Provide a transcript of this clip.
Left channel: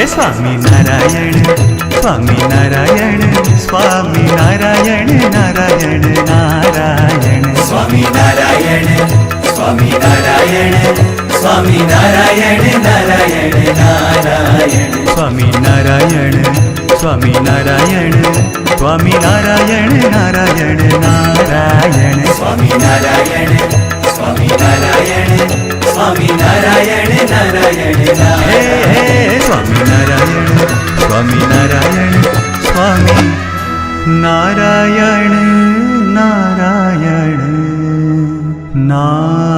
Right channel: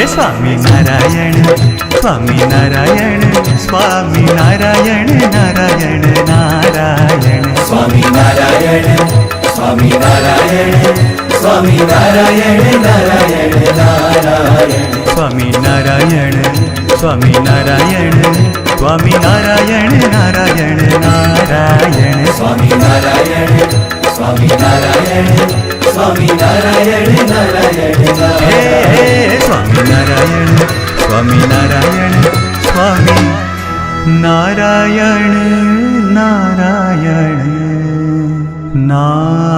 हे Swami Narayan Swami Narayan Swami Narayan Narayan Narayan Swami Narayan Swami Narayan Swami Narayan Narayan Narayan Swami Narayan Swami Narayan Swami Narayan Narayan Narayan Swami Narayan Swami Narayan Swami Narayan Narayan हे Swami Narayan Swami Narayan Swami Narayan Narayan Narayan.